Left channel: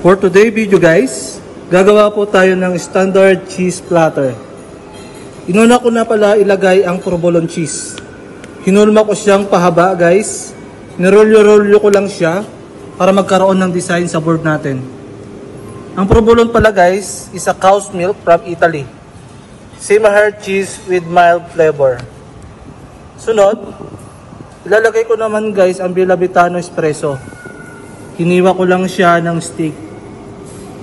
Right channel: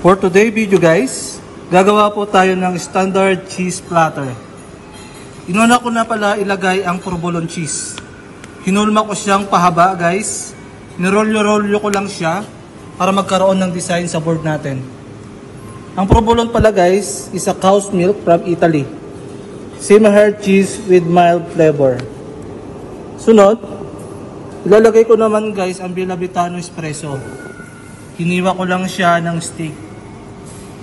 For today video guys, gagawa po tayo ng standard cheese platter. Inuna ko na pala ilagay ang provolone cheese. Hinulma ko siyang pahaba guys. Nirolyo-rolyo ko lang siya para magkaroon ng design sa board natin. Ang provolone pala guys is a cow's milk from Italy. Semi-hard cheese with mild flavor. Sunod, ilalagay ko naman guys ang Bella Vitano espresso. Hiniwa ko lang siya ng stick.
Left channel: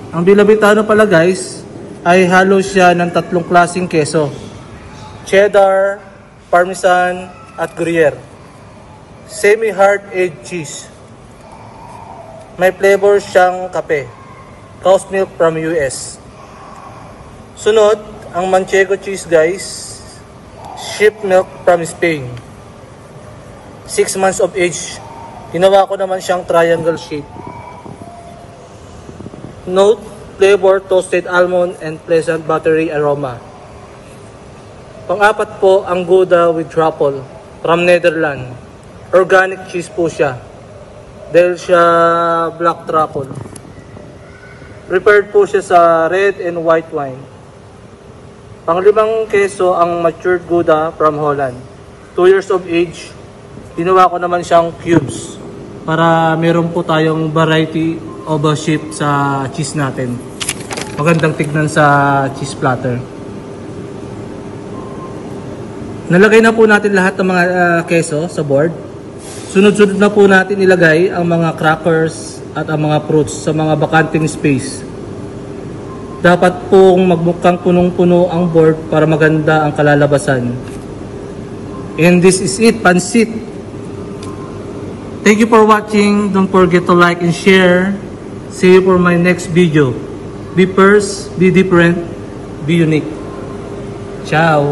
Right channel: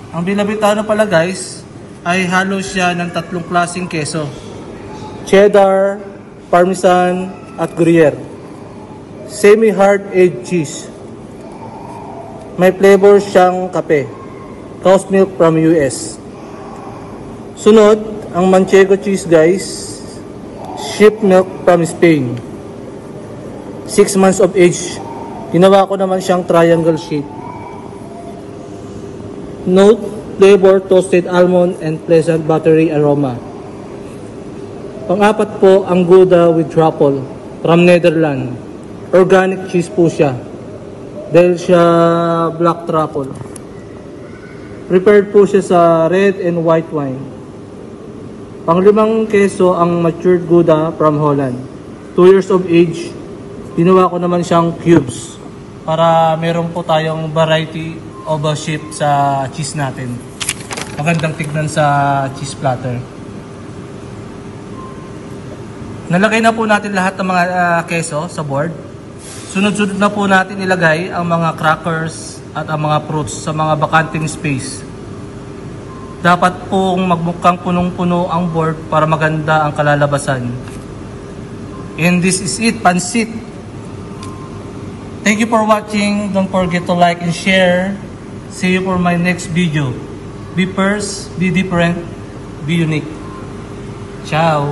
Ang Bella Vitano pala guys ay halo siya ng tatlong klaseng keso: cheddar, parmesan at gruyere. Semi-hard aged cheese. May flavor siyang kape. Cow's milk from US. Sunod, ang manchego cheese guys. Sheep milk from Spain. 6 months of age. Ginawa ko naman siyang triangle shape. Note, flavor, toasted almond and pleasant buttery aroma. Pang-apat po, ang Gouda with truffle from Netherlands. Organic cheese po siya. Dahil siya black truffle. Prepared po siya sa red and white wine. Pang-limang keso, ang matured Gouda from Holland. 2 years of age. Ginawa ko naman siyang cubes para meron po tayong variety of shape sa cheese natin. Magandang tignan sa cheese platter. Nalagay na po natin lahat ng mga keso sa board. Sunod-sunod na po natin ilagay ang mga crackers at ang mga fruits sa mga bakanting space. Dapat pong magmukhang punong-puno ang board para maganda ang kalalabasan. And this is it, pansit. Thank you for watching. Don't forget to like and share. See you for my next video. Be first, be different, be unique. Ciao!